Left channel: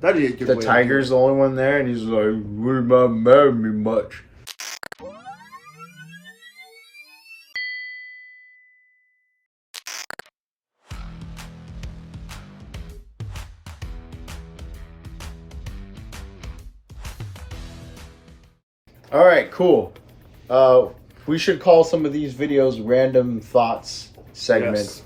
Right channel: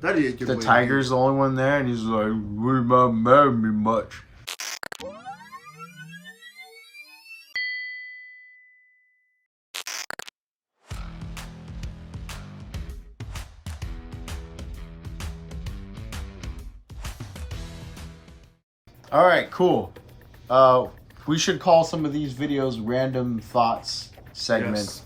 That'd be a good The way. tiger's the only one there, and he's like, "We're not married me much." All right, cool. We should call some of these videos "Random Thoughts" segment. Yes.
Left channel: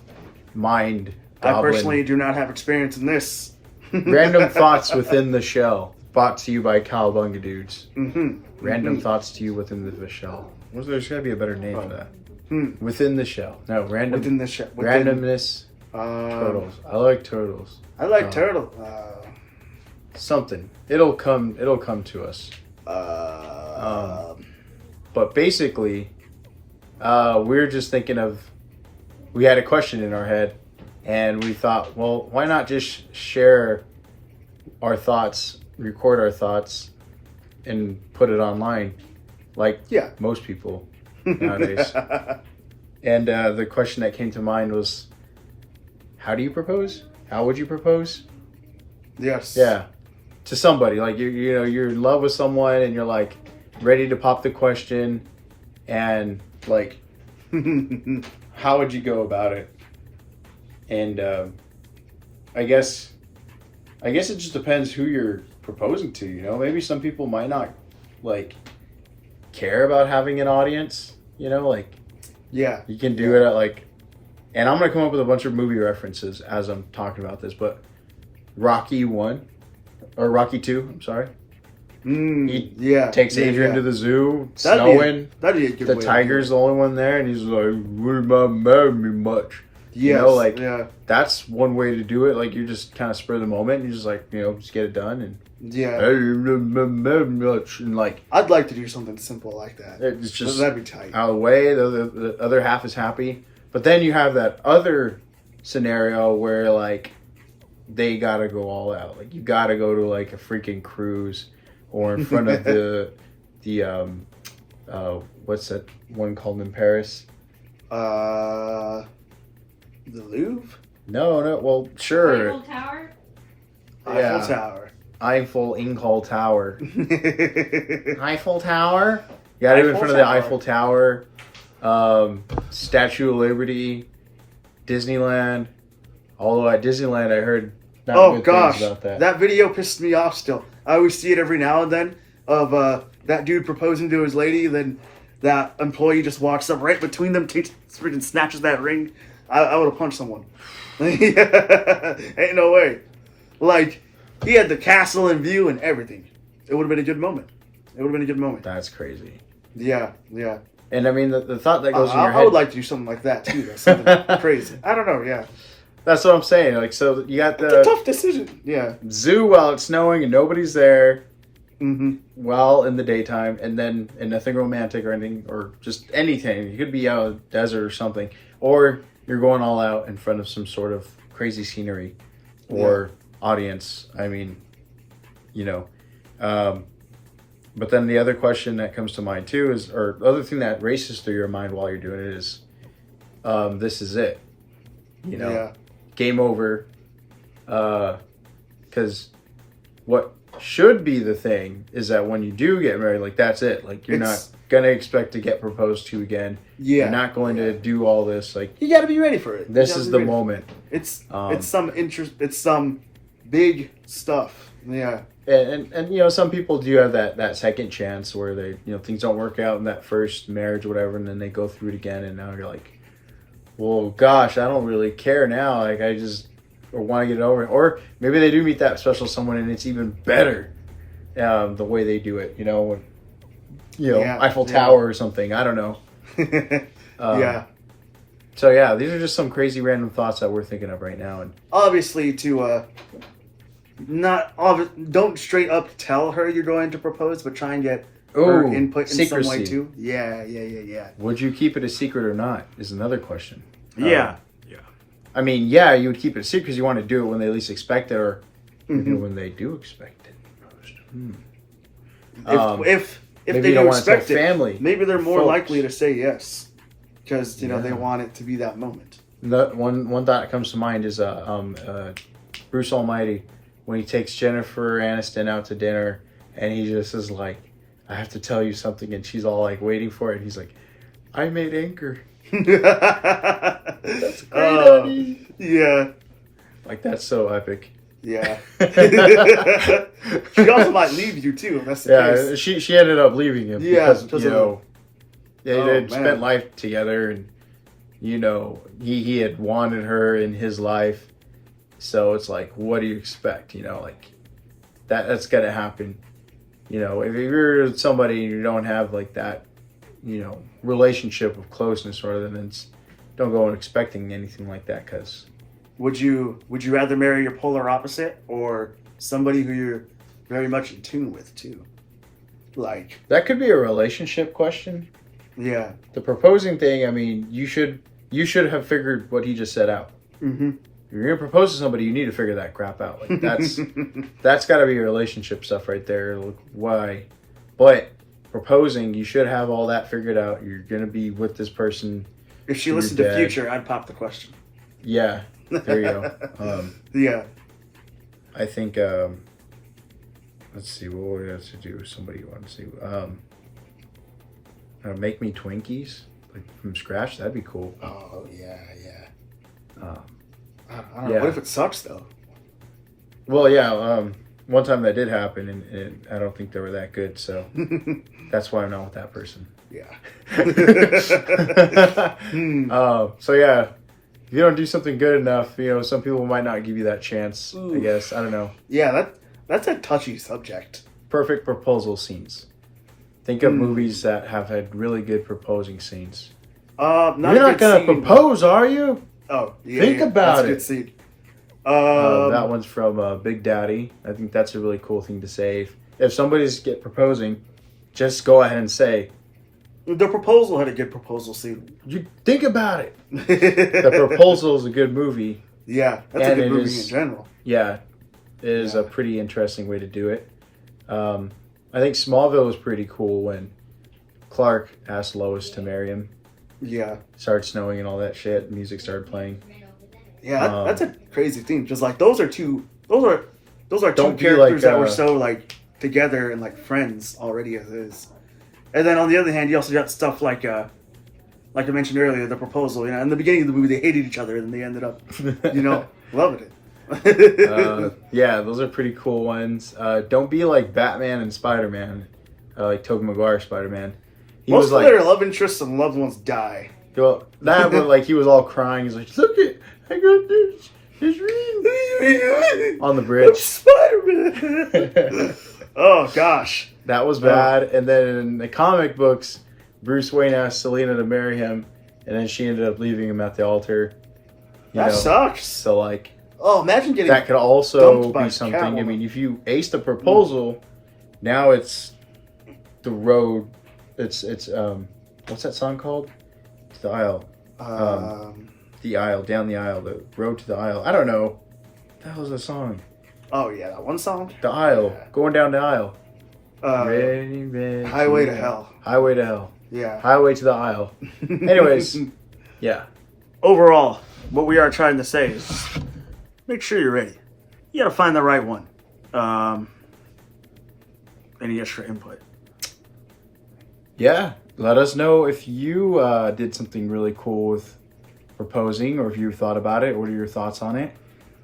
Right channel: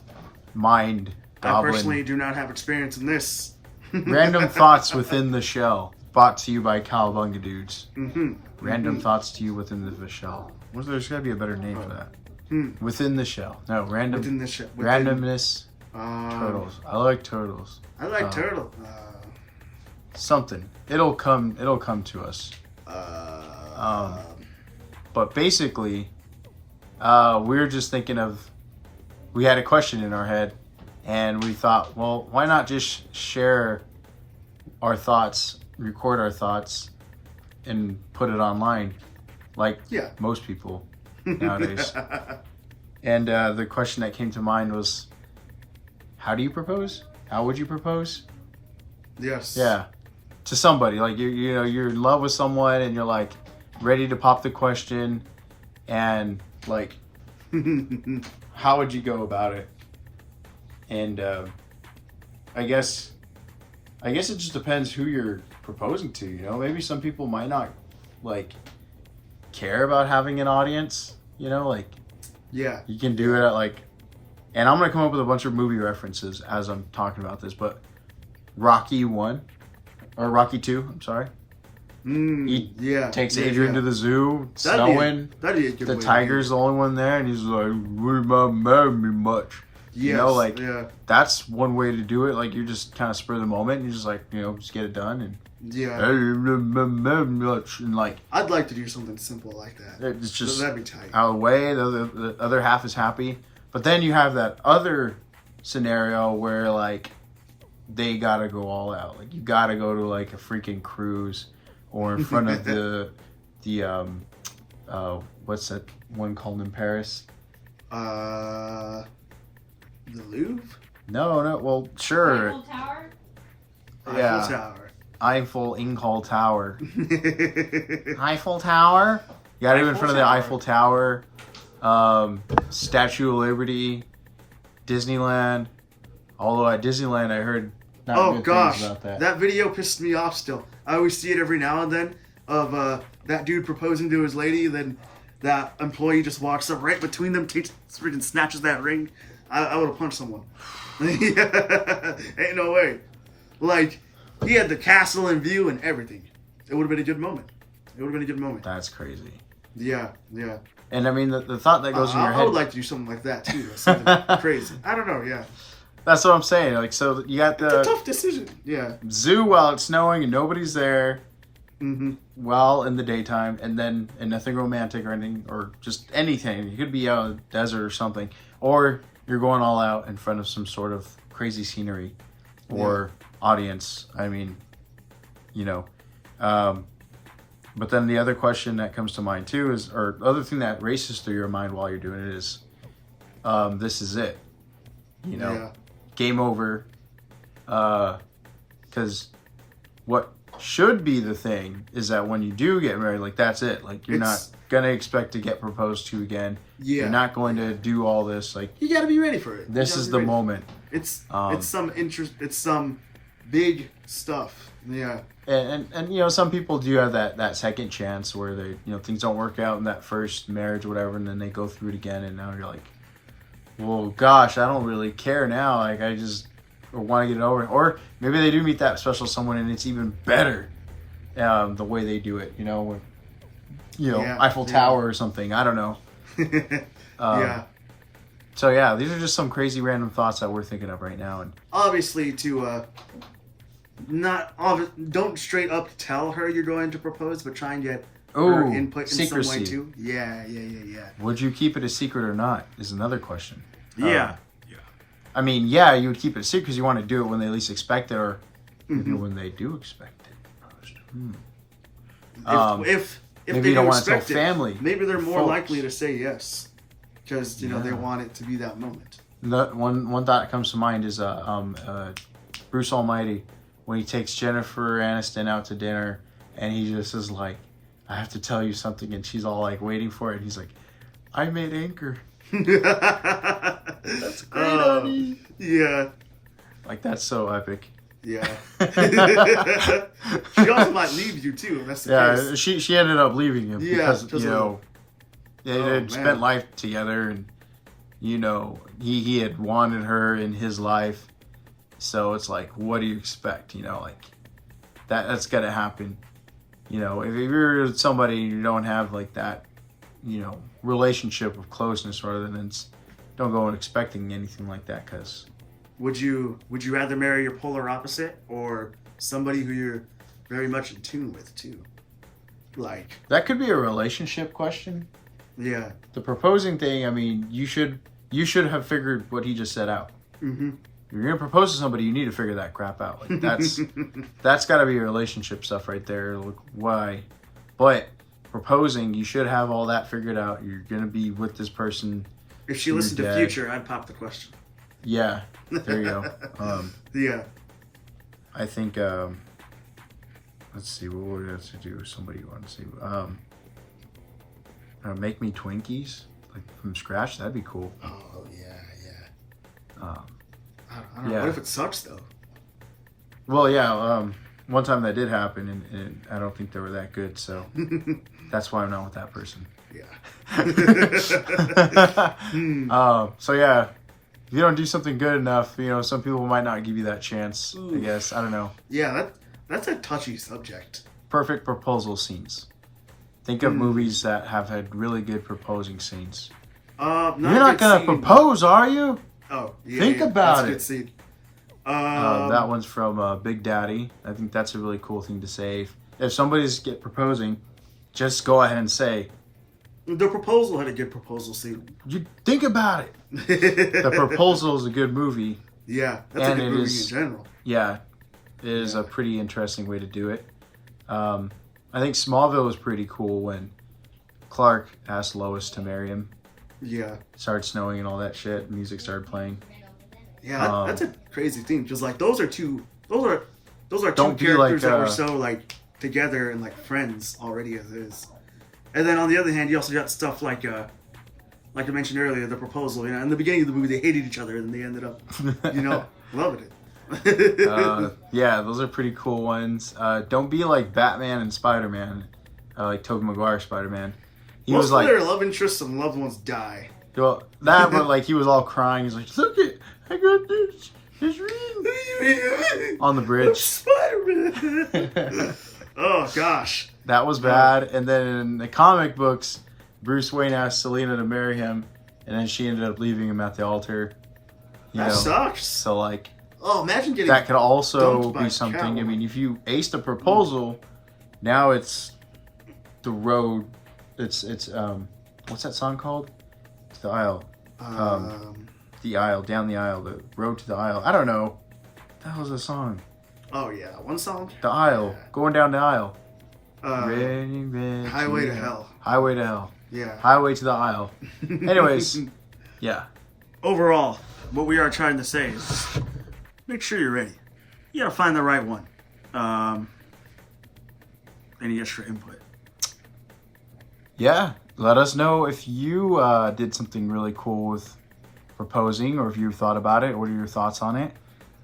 Mind I goblin. personally do not have experience in this. Random thoughts within the shell. Brought to you by Cowabunga Dudes. Random thoughts to you within the shell. There's got to be a better name for that. Within the shell. No, random. Within the shell. Randomness. Turtles. I like turtles. I like turtle. Something. It'll come to us. But basically, we were just thinking of. We had a question in our head, and we thought, well, why not just share our thoughts, record our thoughts, and put it online, like most people nowadays. And the question that came to mind was, how do you propose? How would you propose? Yes. Yeah, to somebody, like you're in love with someone, and you're like ready to pop the question, and like, how would you go about it? And I guess it just depends who you're proposing to. Maybe some people might not like care about having an audience. Like you can do it at like, and I'm gonna come up with a bunch of movie references as I'm talking about this, but Rocky 1 or Rocky 2, I'm sorry. He takes Adrian to the zoo, snowing. That'd be a good The way. tiger's the only one there, and he's like, "We're not married me much." That's one way to do it. Like, you just kind of spur the moment, and you just like, just get it done, and and like, I'd like to do something simple like that. It's just that'd be tight. Out of the way. The other half is happy, but then you have that other scenario where like they gotta go all out. Like, you gotta go to like a freaking cruise, or in front of the what's that one called in Paris? The Louvre? No. Well, sure. Eiffel Tower? Yeah. Eiffel Tower. Eiffel Tower. Eiffel Tower? You gotta do it in front of the Eiffel Tower. Statue of Liberty. Disneyland. Although at Disneyland I heard not good things about that. That video pissed me off still. I always see it every now and then of that dude proposing to his lady, then that employee just walks up right between them, freaking snatches that ring. I would have punched someone. Ain't no way. Like, he had the castle in view and everything. It would have been a good moment. That's crazy. Yeah. And I mean, the thought that goes in your head. I would like to do something like that too. That's something crazy. I don't know. Yeah. That's what I'm saying. Like, so you got It's a tough decision. Yeah. Zoo while it's snowing and nobody's there. Well, in the daytime, and nothing romantic or anything, or just anything. You could be out in the desert or something, or you're going all out in front of some sort of crazy scenery or audience. I mean, but then the other question that comes to mind too is, or the other thing that races through your mind while you're doing it is, this is it. Game over. Because what should be the thing is that when you do get married, like, that's it. Like, you're not gonna expect to get proposed to again. You're not going to do all this. Like, you got to be ready for it. This is the moment. It's some interest. It's some big stuff. Yeah. And some people do have that second chance where they things don't work out in that first marriage or whatever, and then they go through it again, and now you're like, well, gosh, I don't really care now. Like, I just want to get it over. Or maybe they do meet that special someone, and it's even better the way they do it. Eiffel Tower or something. I don't know. So yeah, these are just some crazy random thoughts that we're thinking of right now. And obviously, don't straight up tell her you're going to propose, but try and get her input in some way too. Yeah. Would you keep it a secret or not? Is another question. Yeah. I mean, yeah, you would keep it a secret because you want to do it when they least expect it, or maybe when they do expect it. If maybe they you don't do want to tell expect it, family, maybe they're more folks. likely to say yes because they want it to be that moment. One thought that comes to mind is Bruce Almighty when he takes Jennifer Aniston out to dinner, and he just is like, I have to tell you something, and she's all like waiting for it, and he's like, I made Anchor. That's great, honey. Yeah. Like, that's so epic. Yeah. She also might leave you too, if that's the case. She ended up leaving him because because you know, they had man. spent life together, and you know, he had wanted her in his life. So it's like, what do you expect? You know, like that's gonna happen. You know, if you're somebody and you don't have like that, you know, relationship of closeness, rather than don't go in expecting anything like that. Because would you rather marry your polar opposite or somebody who you're very much in tune with too? Like, that could be a relationship question. Yeah. The proposing thing, I mean, you should have figured what he just set out. Mm-hmm. If you're gonna propose to somebody, you need to figure that crap out. Like that's got to be relationship stuff right there. Like, why? But proposing, you should have all that figured out. You're gonna be with this person. If she listened to Future, I'd pop the question. Yeah, there you go. Yeah. I think. Let's see what we have to do. Somebody you want to see? Make me Twinkies like from scratch. That'd be cool. Oh yeah. I don't know. Yeah. What if it sucks though? Well, yeah. One time that did happen, and I don't think they were that good. So that's why I'm not with that person. Yeah. So yeah, if you don't do something good enough, you know, some people might not give you that chance. Ooh. I guess, I don't know. Yeah, that's a touchy subject. Perfect proposal scenes. Think of movies that have had really good proposing scenes. You're not gonna propose, are you? Oh, yeah. Think about that's a good it. scene. That one's from Big Daddy. I think that's a really cool thing to say. If somebody's proposing, just go ahead and say. The Proposal had a good proposal scene. You think about it. The Proposal is a good movie. Yeah, that's a good movie in general. Yeah, it is a pretty interesting way to do it. I think Smallville was pretty cool when Clark asked Lois to marry him. Yeah. Started snowing and all that shit. Music started playing. Yeah, that's a crazy thing. Just like those are two characters like, that were so like together and like friends already as is. And then on the other hand, you also got stuff like I mentioned earlier, The Proposal. You know, in the beginning of the movie, they hated each other, and they ended up, you know, loving it. Yeah, those are pretty cool ones. Don't be like Batman and Spider-Man, like Tobey Maguire Spider-Man. Most of their love interests and loved ones die. Well, that was like he was all crying. He's like, "Look it, I got this. It's real." On the bridge. Spider-Man. Oh gosh, that was bad. And then in the comic books, Bruce Wayne asked Selena to marry him, and then she ended up leaving him at the altar. That sucks. So like. Oh, imagine getting that could also be something. Catwoman. I mean, if you ace the proposal, now it's the road. It's what's that song called? It's the aisle. The aisle, down the aisle, the road to the aisle. I don't know. That was a song. Oh yeah, that one song. The aisle, going down the aisle. Highway to Hell. Highway to Hell. Yeah. Highway to the aisle. Anyways, yeah. Overall, what we are trying to say is, make sure you're ready. You gotta find the right one. Any extra input? Yeah, let us know if you did something really cool with proposing, or if you thought about it. What are your thoughts on it?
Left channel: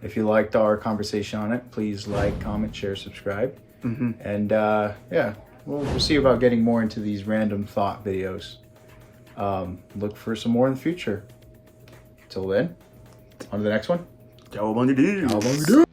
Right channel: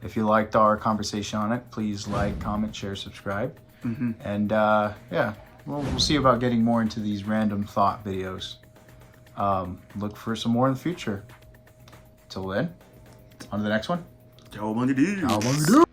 If you liked our conversation on it, please like, comment, share, subscribe. Mm-hmm. And yeah, we'll see about getting more into these random thought videos. Look for some more in the future. Till then, on to the next one. Cowabunga Cowabunga.